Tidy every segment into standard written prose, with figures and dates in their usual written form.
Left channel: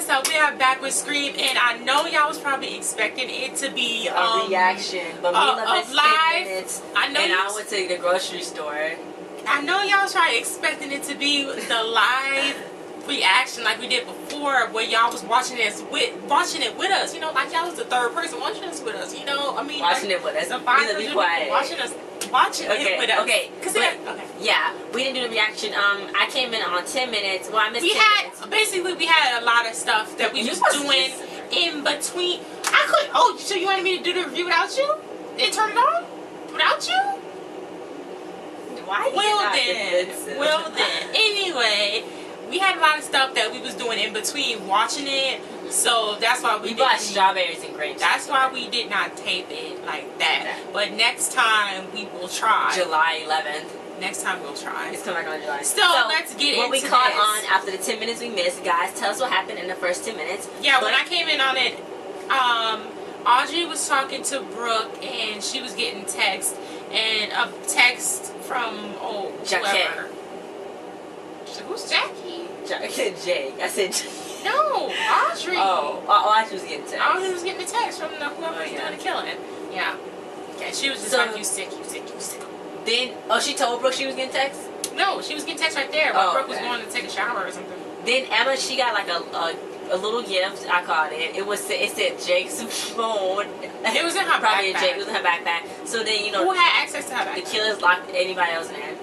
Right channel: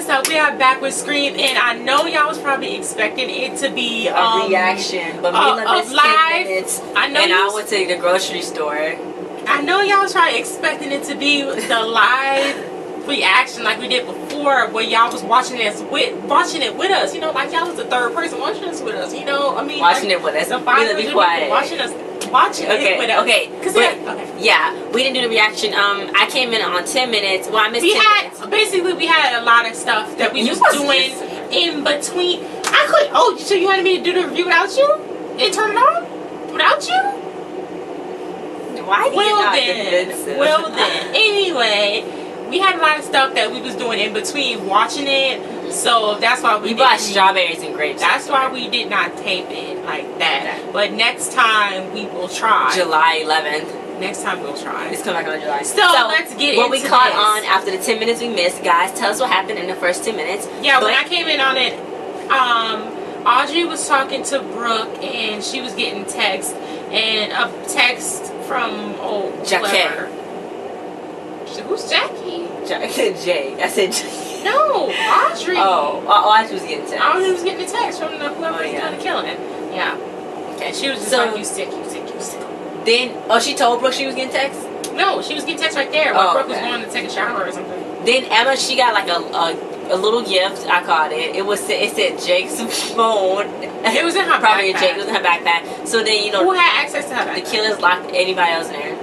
what's up? We are back with Scream, and I know y'all was probably expecting it to be a reaction, but Mila missed 10 minutes, I went to the grocery store. I know y'all was probably expecting it to be the live reaction like we did before, where y'all was watching it with us. You know, like y'all was the third person watching this with us. You know, I mean, watching it with us. Mila, be quiet. Watching it with us. Okay. Yeah, we didn't do the reaction. I came in on 10 minutes. Well, I missed 10 minutes. Basically, we had a lot of stuff that we was doing in between. I couldn't. Oh, so you wanted me to do the review without you? And turn it on without you? Why do you not defensive? Well then. Anyway, we had a lot of stuff that we was doing in between watching it. So that's why we bought strawberries and grapes. That's why we did not tape it like that. But next time we will try. July 11th. Next time we'll try. It's coming back on July. So let's get into what we caught on after the 10 minutes we missed. Guys, tell us what happened in the first 10 minutes. Yeah, when I came in on it, Audrey was talking to Brooke and she was getting text. And a text from Jackie. Who's Jackie? Jay. I said Jay. No, Audrey. Audrey was getting text. Audrey was getting a text from whoever was doing the killing. Yeah. Okay, she was just like, you sick. Then, she told Brooke she was getting text? No, she was getting text right there while Brooke was going to take a shower or something. Then Emma, she got like a little gift. I caught it. It said Jake's phone. It was in her probably backpack. Jake. It was in her backpack. So then who had access to her backpack? The killers locked anybody else in there.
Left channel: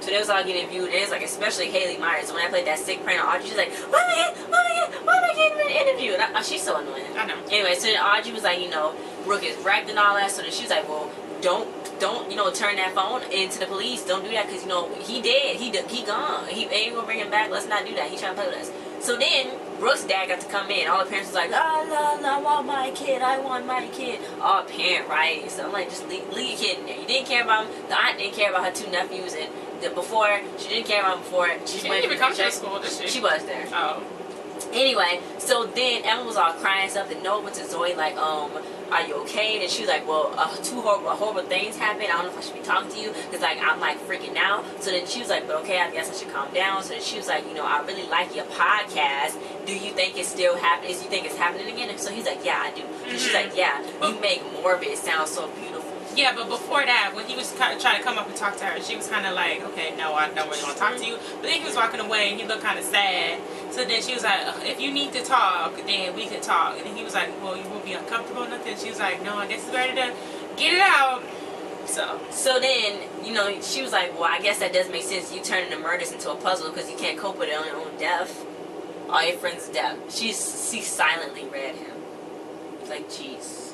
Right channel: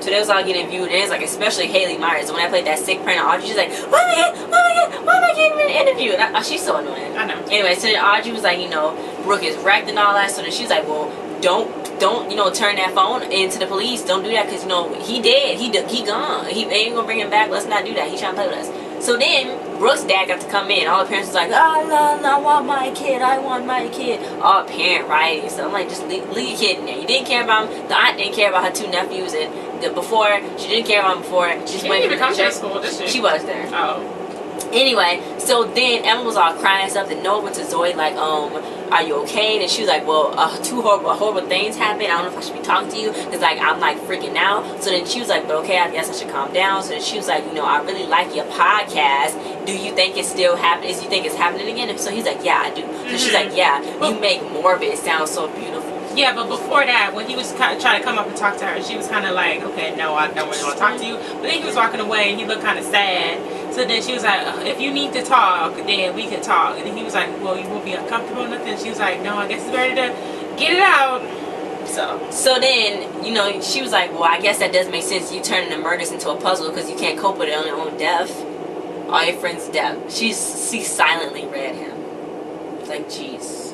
So they was all getting viewed, and it's like, especially Haley Myers. When I played that sick prank on Audrey, she's like, why am I getting an interview? And she's so annoying. I know. Anyway, so then Audrey was like, Brooke is wrecked and all that. So then she's like, well, don't turn that phone into the police. Don't do that, because he dead. He gone. He ain't gonna bring him back. Let's not do that. He trying to play with us. So then Brooke's dad got to come in. All the parents was like, I want my kid. All parent righty. So I'm like, just leave your kid in there. You didn't care about him. The aunt didn't care about her two nephews, and she didn't care about him before. She didn't even come to school, did she? She was there. Oh. Anyway, so then Emma was all crying and stuff, and Noah went to Zoe like, are you okay? And she was like, well, two horrible things happened. I don't know if I should be talking to you, because like I'm like freaking out. So then she was like, but okay, I guess I should calm down. So then she was like, I really like your podcast. Do you think it's still happening? Do you think it's happening again? And so he's like, yeah, I do. So she's like, yeah, you make more of it sound so beautiful. Yeah, but before that, when he was kind of trying to come up and talk to her, she was kind of like, okay, no, I don't really want to talk to you. But then he was walking away, and he looked kind of sad. So then she was like, if you need to talk, then we can talk. And then he was like, well, you won't be uncomfortable or nothing. She was like, no, I guess it's better to get it out. So then, she was like, well, I guess that does make sense. You turning the murders into a puzzle because you can't cope with it on your own death. All your friends' death. She silently read him. Like, jeez.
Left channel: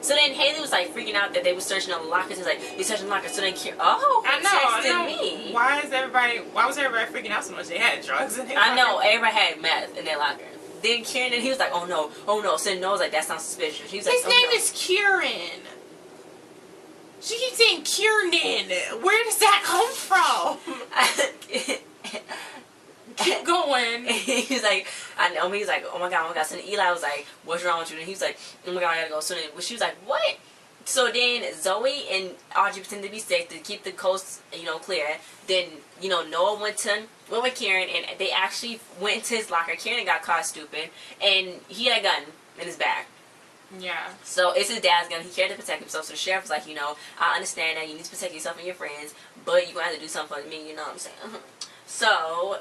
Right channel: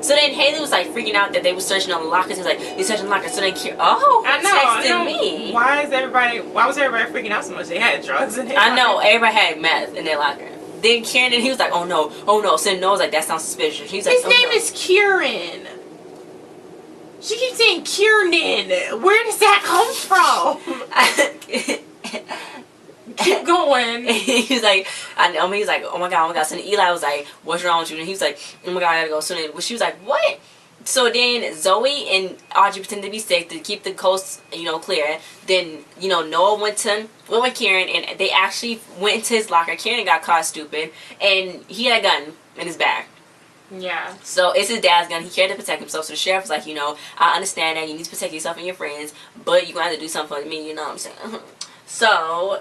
So then Haley was like freaking out that they were searching on the lockers. He was like, "You're searching lockers." So then I know. Me. Why was everybody freaking out so much? They had drugs in their locker. I know, everybody had meth in their locker. Then Kieran, and he was like, oh no. So then Noah was like, that sounds suspicious. He was like, his name is Kieran. She keeps saying Kieran. Where does that come from? Keep going. He was like, he was like, oh my god. So then Eli was like, what's wrong with you? And he was like, oh my god, I gotta go. So then she was like, what? So then Zoe and Audrey pretended to be sick to keep the coast, clear. Then, Noah went with Kieran, and they actually went into his locker. Kieran got caught stupid, and he had a gun in his bag. Yeah. So it's his dad's gun. He cared to protect himself. So the sheriff was like, I understand that you need to protect yourself and your friends, but you're going to have to do something for me, you know what I'm saying? So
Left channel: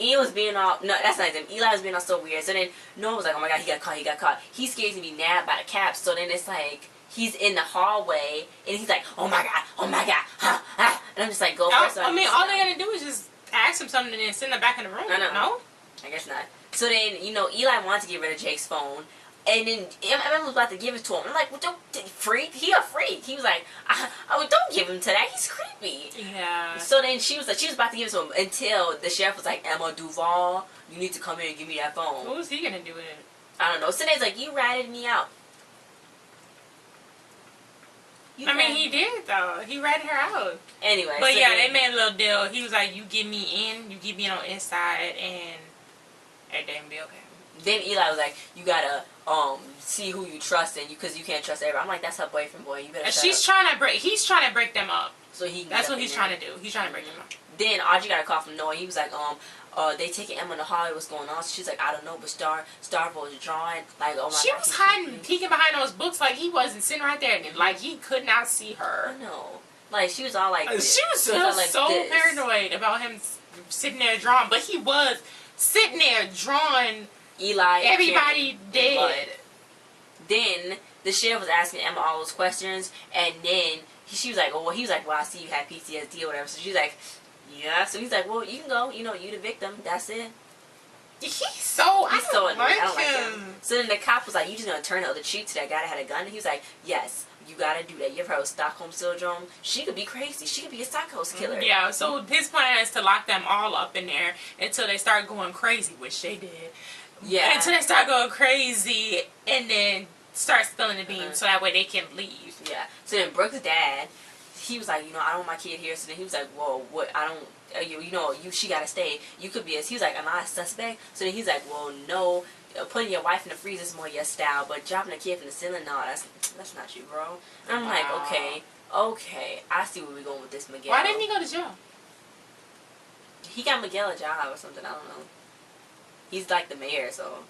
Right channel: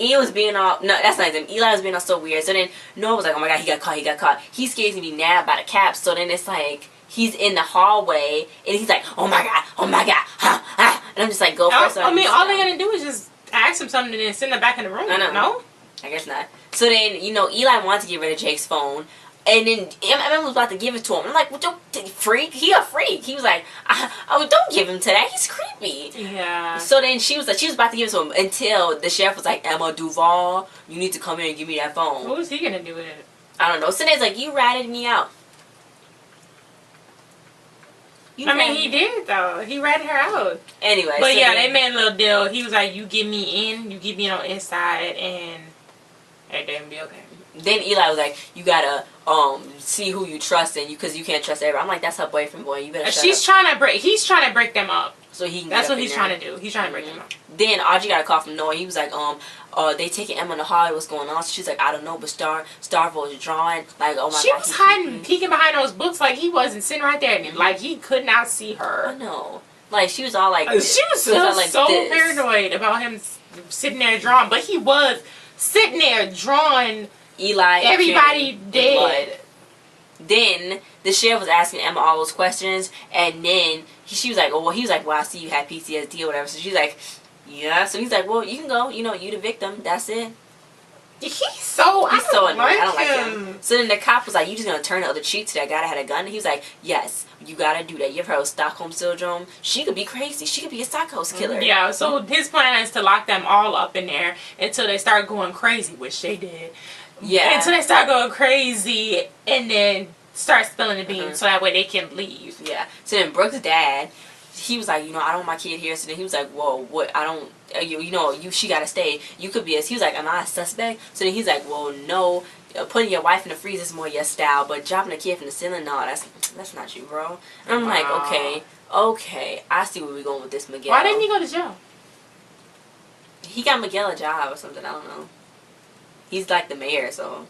Ian was being all, no, that's not him. Eli was being all so weird. So then Noah was like, oh my god, he got caught. He's scared to be nabbed by the cops. So then it's like, he's in the hallway, and he's like, oh my god, and I'm just like, go first. I mean, all they gotta do is just ask him something and then send him back in the room. I know. No? I guess not. So then, Eli wanted to get rid of Jake's phone, and then Emma was about to give it to him. I'm like, well, don't, freak. He a freak. He was like, don't give him to that. He's creepy. Yeah. So then she was about to give it to him until the sheriff was like, Emma Duval, you need to come here and give me that phone. What was he gonna do with it? I don't know. So then it's like, you ratted me out. I mean, he did, though. He ratted her out. Anyway. But so yeah, they made a little deal. He was like, you get me in, you get me on the inside, and everything will be okay. Then Eli was like, you gotta see who you trust in, because you can't trust everybody. I'm like, that's her boyfriend, boy. You better shut up. He's trying to break them up. so he can. That's what he's trying to do. He's trying to break them up. Then Audrey got a call from Noah. He was like, they taking Emma to Hollywood. What's going on? So she's like, I don't know, but Starvo is drawing. Like, oh my god. She was hiding, peeking behind those books like he wasn't sitting right there, and like he could not see her. I know. Like she was all like, this. She was still like so paranoid about him sitting there drawing, but he was sitting there drawing. Eli, everybody dead. Blood. Then the sheriff was asking Emma all those questions, and then she was like, "Oh, well," he was like, "Well, I see you had PTSD or whatever." So she's like, "Yeah." So he's like, "Well, you can go. You know, you the victim. That's it." He's so annoying. I don't like him. So then the cop was like, "You just gonna turn the other cheek to that guy that had a gun?" And he was like, "Yes, you gotta do that. You ever heard of Stockholm Syndrome? She could be crazy. She could be a psycho killer." Yeah. So his plan is to lock them all up in there until they start going crazy, which they did. Yeah. Until they start going crazy, and then start spilling the beans so that way they can leave. Yeah. So then Brooke's dad, he was like, "You know, I don't want my kid here." So then he was like, "Whoa, what? I don't. She gotta stay. You could be." He was like, "Am I a suspect?" So then he's like, "Well, no. Putting your wife in the freezer is more your style, but dropping a kid from the ceiling, no, that's not you, bro." And I'm like, okay, I see where we're going with this, Miguel. Why didn't he go to jail? He got Miguel a job or something. I don't know. He's like the mayor, so.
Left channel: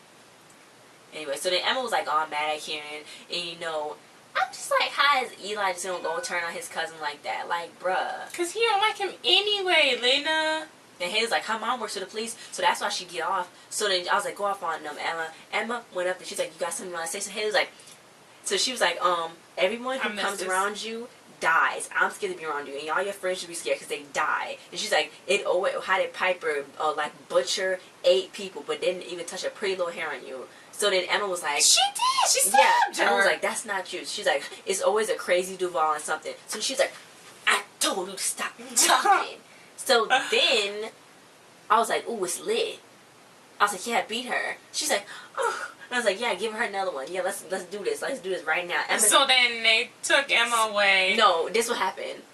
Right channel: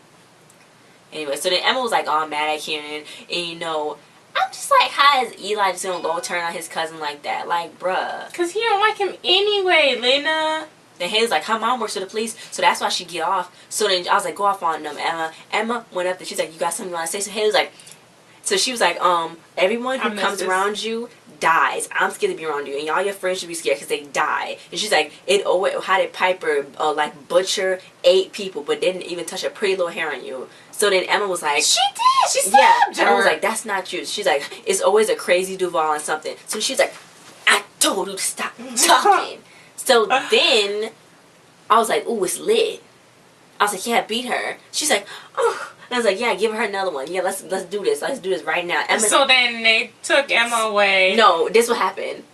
Anyway, so then Emma was like all mad at Kieran, and I'm just like, how is Eli just gonna go turn on his cousin like that? Like, bruh. Cause he don't like him anyway, Lena. Then Haley's like, her mom works for the police, so that's why she get off. So then I was like, go off on them, Emma. Emma went up there, she's like, you got something you want to say? So Haley's like, so she was like, everyone who comes around you dies. I'm scared to be around you, and all your friends should be scared because they die. And she's like, how did Piper like butcher 8 people, but didn't even touch a pretty little hair on you? So then Emma was like, she did. She stabbed her. Emma was like, that's not you. She's like, it's always a crazy Duval and something. So she's like, I told you to stop talking. So then I was like, ooh, it's lit. I was like, yeah, beat her. She's like, oh. And I was like, yeah, give her another one. Yeah, let's do this. Let's do this right now. Emma, so then they took Emma away. No, this what happened.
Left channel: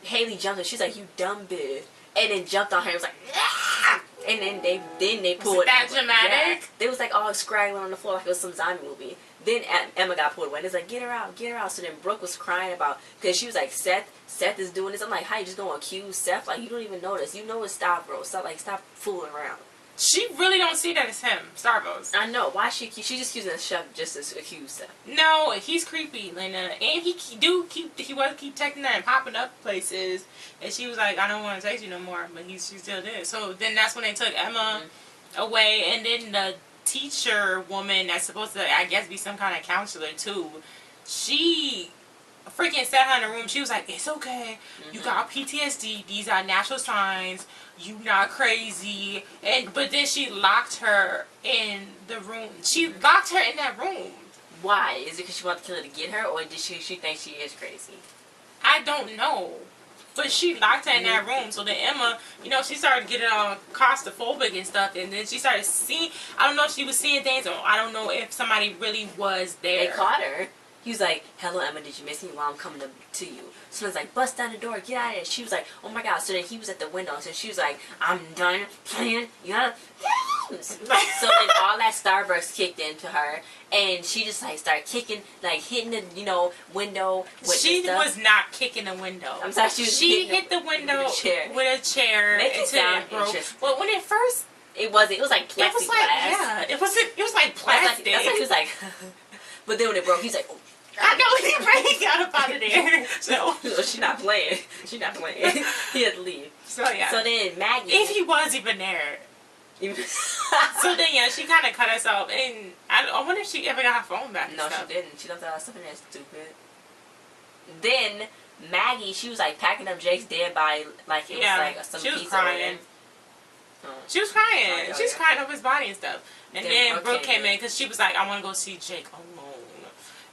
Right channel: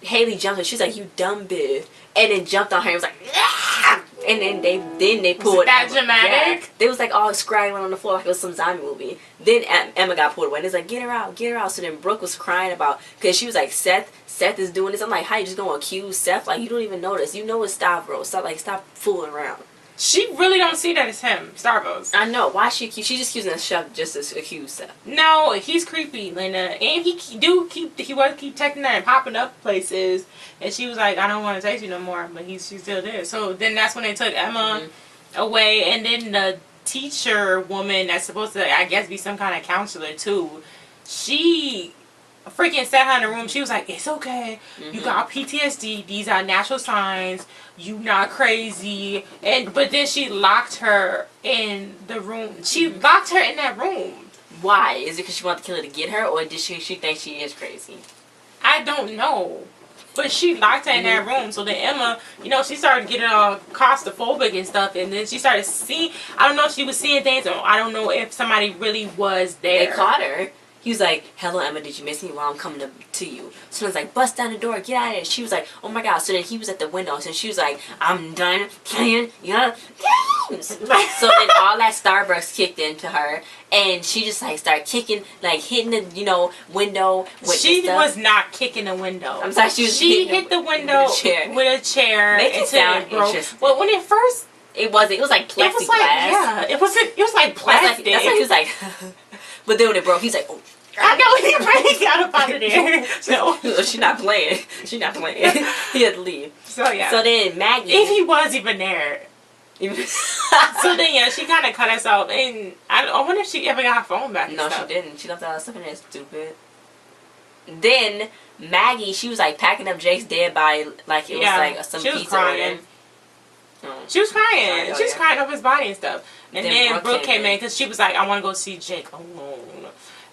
Haley jumped her. She's like, you dumb bitch. And then jumped on her and was like, ah! And then they pulled. Was that Emma. dramatic? Yeah. They was like all scraggling on the floor like it was some zombie movie. Then Emma got pulled away. And it's like, get her out, get her out. So then Brooke was crying about, because she was like, Seth is doing this. I'm like, how you just gonna accuse Seth? Like, you don't even know this. You know it's Stavros. Stop fooling around. She really don't see that as him, Stavros. I know. Why she just accusing the chef just to accuse Seth? No, he's creepy, Lena. And he was keep texting that and popping up places. And she was like, I don't want to text you no more. But she's still there. So then that's when they took Emma away. And then the teacher woman that's supposed to, I guess, be some kind of counselor too, she freaking sat her in the room. She was like, it's okay. You got PTSD. These are natural signs. You not crazy. But then she locked her in the room. She locked her in that room. Why? Is it because she wanted the killer to get her, or did she think she is crazy? I don't know. But she locked her in that room. So then Emma, she started getting all claustrophobic and stuff. And then she started seeing, I don't know if she was seeing things, or I don't know if somebody really was there. They caught her. He was like, hello, Emma, did you miss me? Well, I'm coming to you. So I was like, bust down the door, get out of there. She was like, oh my God. So then he was at the window. So she was like, I'm done playing your games. So then all that Starbucks kicked into her. And she just like started kicking, like hitting the, window with She was not kicking the window. I'm sorry, she hit the window with a chair. Make it sound interesting. Well, when it first... It was like plexiglass. It was like plastic. That's what he was like. But then when it broke, he's like, oh. I know, he ran out up out of there. So she's not playing. She's not playing. He had to leave. So yeah. So then Maggie. If he was even there. So then yeah, she kind of cut herself, and I wonder if she ever got her phone back. No, she didn't. She left all that stuff in there. Stupid. Then Maggie, she was like packing up Jake's dead body like it was like some pizza order. She was crying. She was crying over his body and stuff. And then Brooke came in because she was like, I want to go see Jake alone.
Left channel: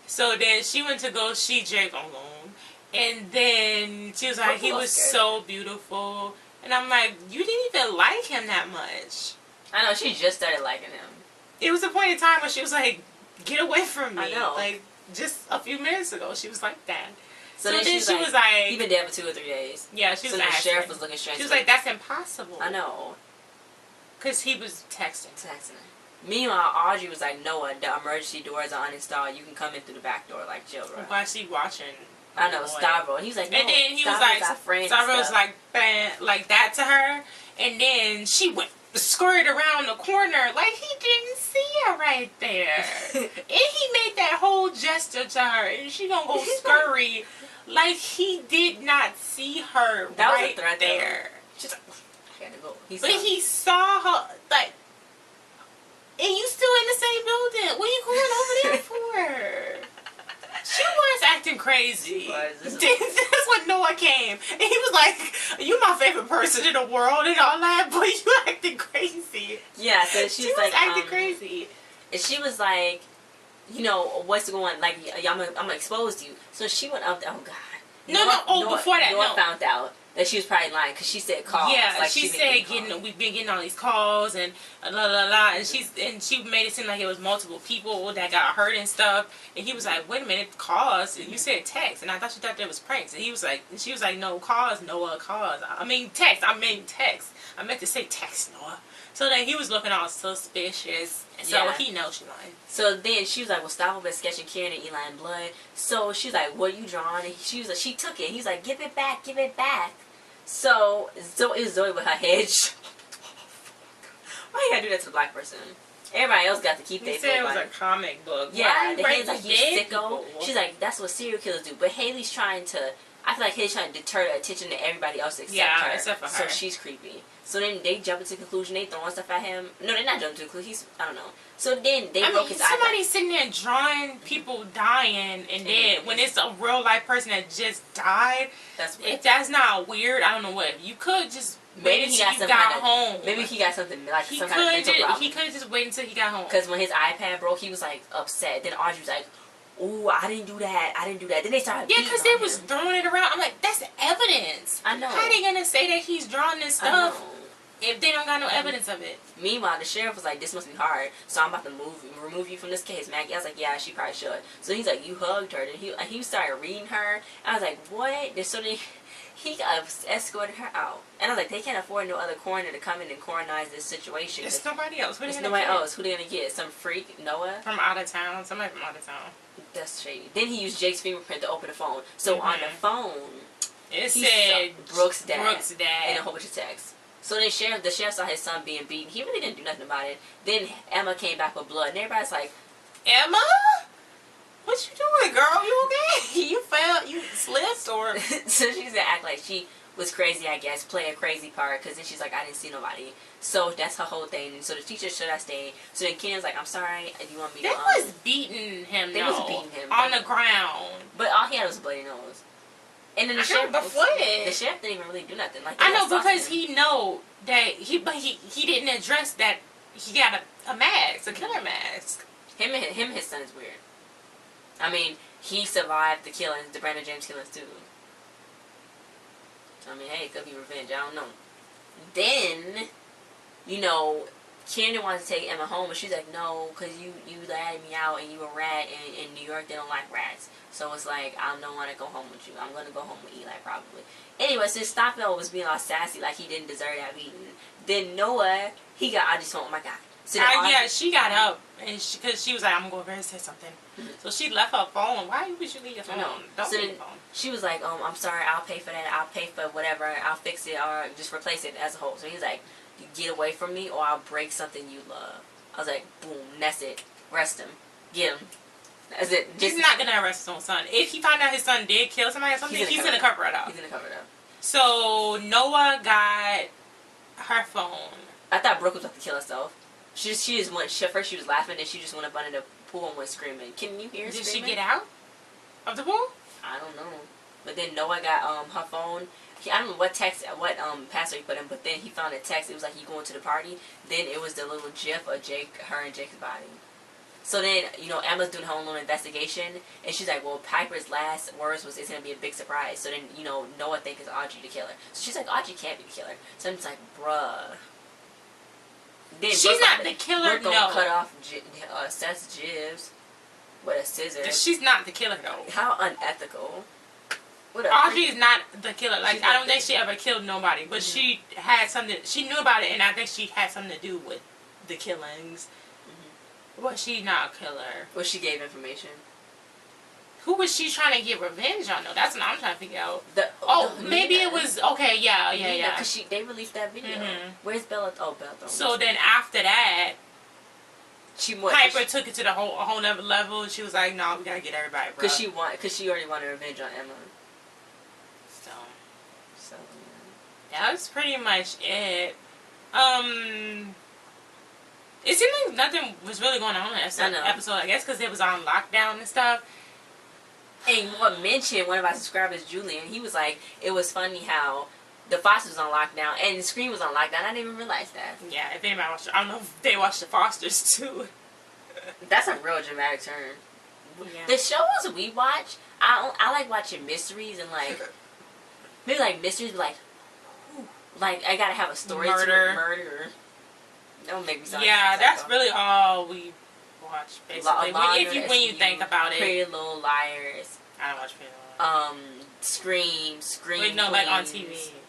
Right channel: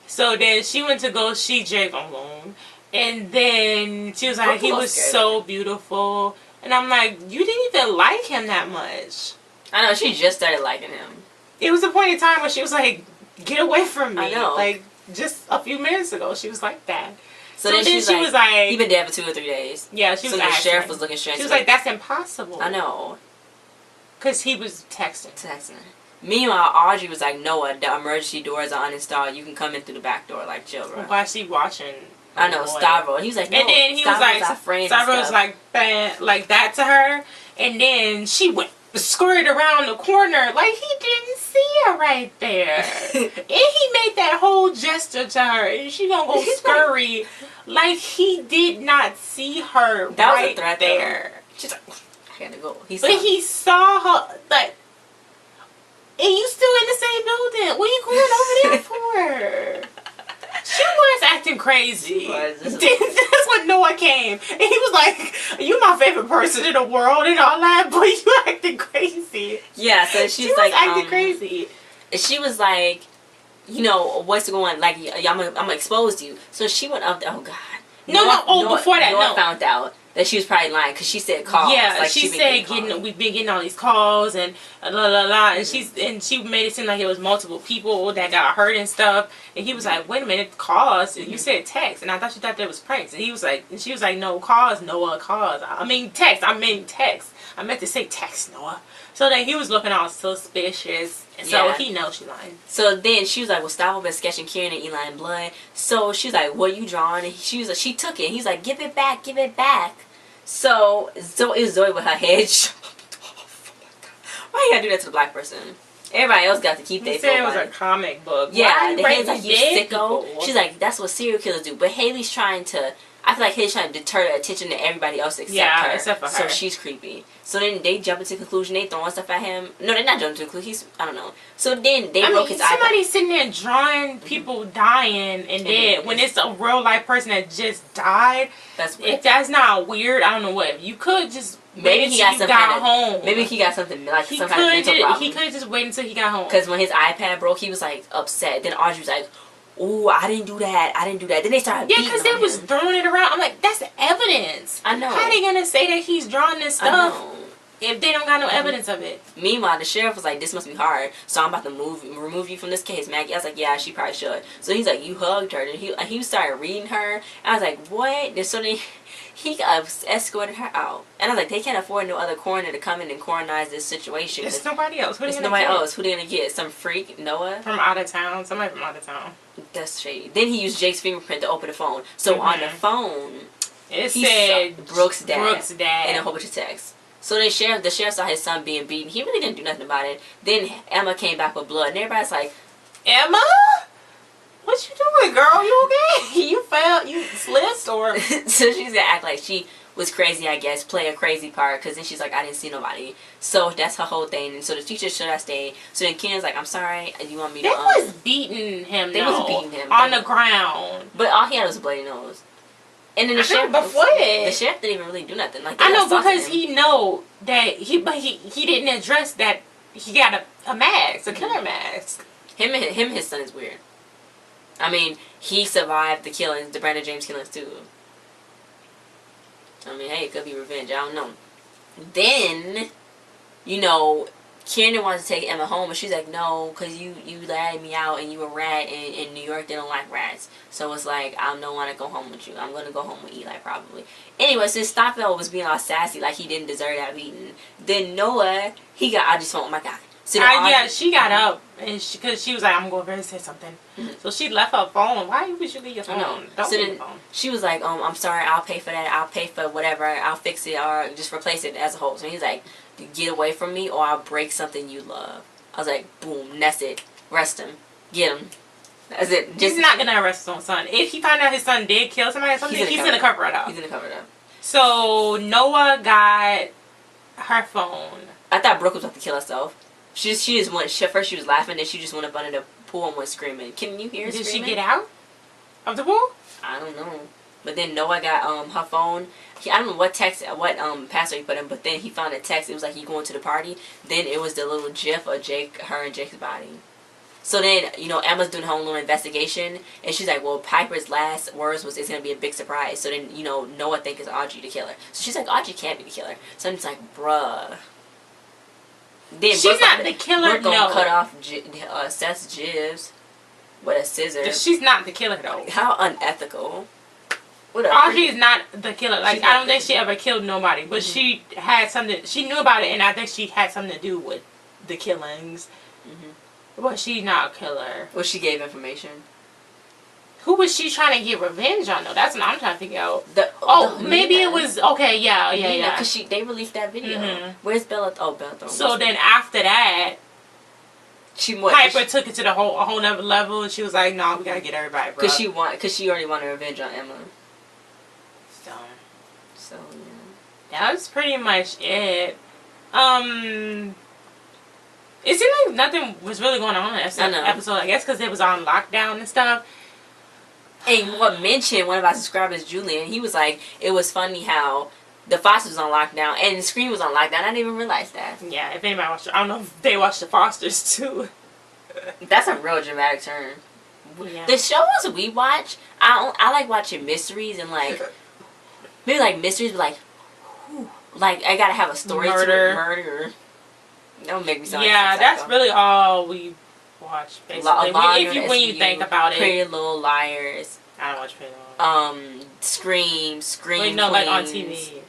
So then she went to go see Jake alone. And then she was like, he was so beautiful. And I'm like, you didn't even like him that much. I know, she just started liking him. It was a point in time where she was like, get away from me. I know. Like, just a few minutes ago, she was like that. So then she was like, he been dead for 2 or 3 days. Yeah, she was So the sheriff was looking strange. She was like, that's impossible. I know. Because he was texting. Meanwhile, Audrey was like, Noah, the emergency doors are uninstalled. You can come in through the back door. Like, chill, bro. Why is she watching I know, Stavro. And he was like, no, and then he Stavro's was like, our friends Stavro and was stuff. like, like that to her. And then she went scurried around the corner like he didn't see her right there. And he made that whole gesture to her. And she gonna go scurry like he did not see her that right was a threat there. Though. She's like, I gotta go. He saw her, like, and you still in the same building. What are you going over there for? She was acting crazy. That's when Noah came. And he was like, you my favorite person in the world and all that, but you acting crazy. Yeah, so she was like acting crazy. She was like, you know, what's going on? Like, I'm gonna expose you. So she went up there. Oh, God. Before that, Noah found out that she was probably lying because she said calls. Yeah, like, she said we've been getting all these calls and la la la, and she made it seem like it was multiple people that got hurt and stuff. And he was like, wait a minute, calls? You said text, and I thought that was pranks. And he was like, and she was like, no calls, Noah, calls. I mean text. I meant to say text, Noah. So then he was looking all suspicious, and so he knows she lying. So then she was like, well, Stavro been sketching Kieran and Eli in blood. So she was like, what you drawing? And she was like, she took it. And he's like, give it back, give it back. So it was Zoe with her head. Why you gotta do that to the black person? Everybody else got to keep their said it was a comic book. Yeah, the Haley's like, you sicko. She's like, that's what serial killers do. But Haley's trying to, I feel like Haley's trying to deter the attention to everybody else except her. Except for her. So she's creepy. So then they jump into conclusion. They throwing stuff at him. No, they're not jumping to conclusion. I don't know. So then they broke his eye. Somebody's sitting there drawing people dying and dead when it's a real life person that just died. That's weird. If that's not weird, I don't know what. You could just maybe wait he until got you got home. Maybe he got something like some kind of mental problem. He could just wait until he got home. Because when his iPad broke, he was like upset. Then Audrey was like, ooh, I didn't do that. Then they started beating because they was throwing it around. I'm like, that's evidence. I know. How are they going to say that he's drawing this stuff if they don't got no evidence of it? Meanwhile, the sheriff was like, this must be hard. So I'm about to remove you from this case, Maggie. I was like, yeah, she probably should. So he's like, you hugged her. And he started reading her. I was like, what? And so then he escorted her out. And I was like, they can't afford no other coroner to come in and coronize this situation. There's nobody else. There's nobody else. Who they going to get? Some freak? Noah? From out of town. Somebody from out of town. That's shady. Then he used Jake's fingerprint to open the phone. So on the phone, it said Brooke's dad. And a whole bunch of texts. So then the sheriff saw his son being beaten. He really didn't do nothing about it. Then Emma came back with blood. And everybody's like, Emma? What you doing, girl? You okay? You fell? You slipped? Or? So she's going to act like she was crazy, I guess, play a crazy part. Because then she's like, I didn't see nobody. So that's her whole thing. And so the teacher should have stayed. So then Ken's like, I'm sorry. You want me to... They was beating him, They was beating him. On the ground. But all he had was a bloody nose. And then the sheriff didn't even really do nothing. Like, I know, because he know that he didn't address that he got a mask, a killer mask. Him and his son is weird. I mean, he survived the killings, the Brandon James killings too. I mean, hey, it could be revenge. I don't know. Then, you know, Kieran wants to take Emma home, but she's like, no, because you ratted me out and you a rat, and in New York they don't like rats. So it's like, I don't want to go home with you. I'm going to go home with Eli probably. Anyway, since Stockdale was being all sassy, like he didn't deserve that beating, then Noah, he got Audrey's phone. Oh my God. So she got up, and because she was like, I'm going to go over and say something. Mm-hmm. So she left her phone. Why would you leave your phone? Don't leave your phone. She was like, I'm sorry, I'll pay for that. I'll pay for whatever. I'll fix it or just replace it as a whole. So he's like, get away from me or I'll break something you love. I was like, boom, that's it. Arrest him. Get him. That's it. He's not going to arrest his own son. If he find out his son did kill somebody or something, he's going to cover it up. He's going to cover it up. So Noah got her phone. I thought Brooke was about to kill herself. She just went, first she was laughing, then she just went up under the pool and went screaming. Can you hear her screaming? Did she get out of the pool? I don't know. But then Noah got her phone. I don't know what password he put in, but then he found a text. It was like, you going to the party? Then it was the little gif of her and Jake's body. So then, you know, Emma's doing her own little investigation, and she's like, well, Piper's last words was, it's going to be a big surprise. So then, you know, Noah thinks it's Audrey the killer. So she's like, Audrey can't be the killer. So I'm just like, bruh. Then she's not the killer, Brooke gonna cut off Seth's jibs with a scissor. She's not the killer, though. How unethical. Audrey is not the killer. Like, I don't think she ever killed nobody, but she had something. She knew about it, and I think she had something to do with the killings. But she's not a killer. Well, she gave information. Who was she trying to get revenge on though? That's what I'm trying to figure out. Maybe Mila. It was okay. Yeah. Because they released that video. Mm-hmm. Where's Bella? Oh, Bella. So then after that, Piper took it to a whole nother level. And she was like, "No, we gotta get everybody, bro." Because she already wanted revenge on Emma. So yeah. That was pretty much it. It seemed like nothing was really going on in that episode, I guess, because it was on lockdown and stuff. And what mentioned one of our subscribers, Julian, he was like, it was funny how the Fosters was on lockdown and Scream was on lockdown. I didn't even realize that. Yeah, if anybody watched it, I don't know if they watched the Fosters too. That's a real dramatic turn. Yeah. The shows we watch, I like watching mysteries and like, maybe like mysteries, but like I gotta have a story to it. Murder. Don't make me sound that's really all we watch, basically. When you think about it. Pretty Little Liars. I don't watch Pretty Little Liars. Scream Wait, no, Queens. like on TV.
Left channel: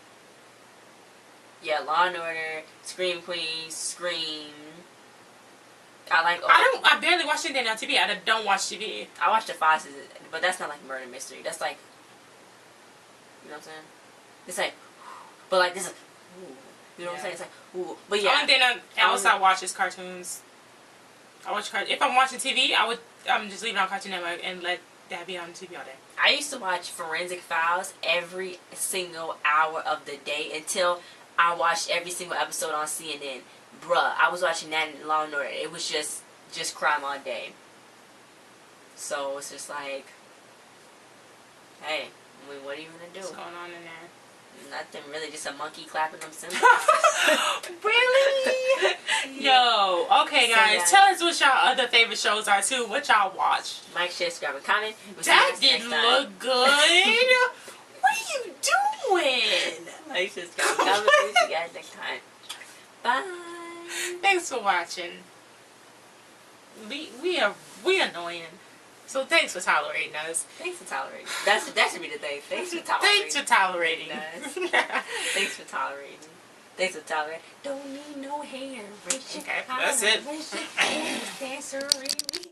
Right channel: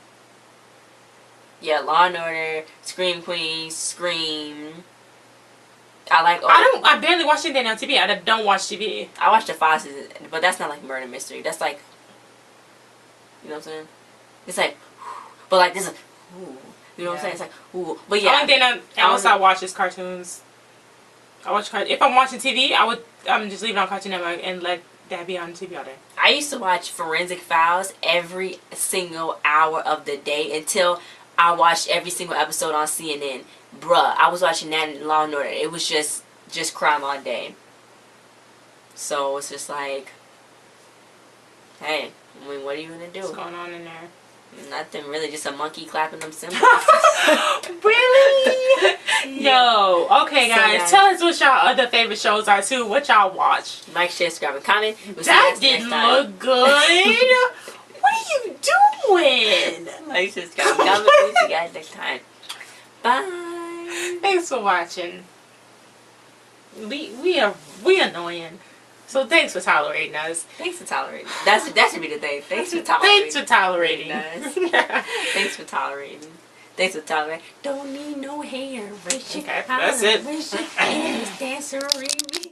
Yeah, Law and Order, Scream Queens, Scream. I like. I barely watch anything on TV. I don't watch TV. I watch the Fosters, but that's not like murder mystery. That's like, you know what I'm saying? It's like, but like this is, you know what I'm saying? It's like, ooh, but yeah. The only thing else I watch is cartoons. I watch cartoons. If I'm watching TV, I would just leave it on Cartoon Network and let that be on TV all day. I used to watch Forensic Files every single hour of the day until I watched every single episode on CNN. Bruh, I was watching that in Law and Order. It was just crime all day. So it's just like, hey, I mean, what are you gonna do? What's going on in there? Nothing really, just a monkey clapping them cymbals. Really? No. Okay, guys, tell us what y'all other favorite shows are too. What y'all watch? Like, share, subscribe, and comment. That didn't look good. What are you doing? Like, share, subscribe, and comment. We'll see you guys next time. Bye. Thanks for watching. We annoying. So thanks for tolerating us. Thanks for tolerating. That should be the thing. Thanks for tolerating. Thanks for tolerating us. Thanks for tolerating. Thanks for tolerating. Don't need no hair. Okay, that's it. Dance, dancery.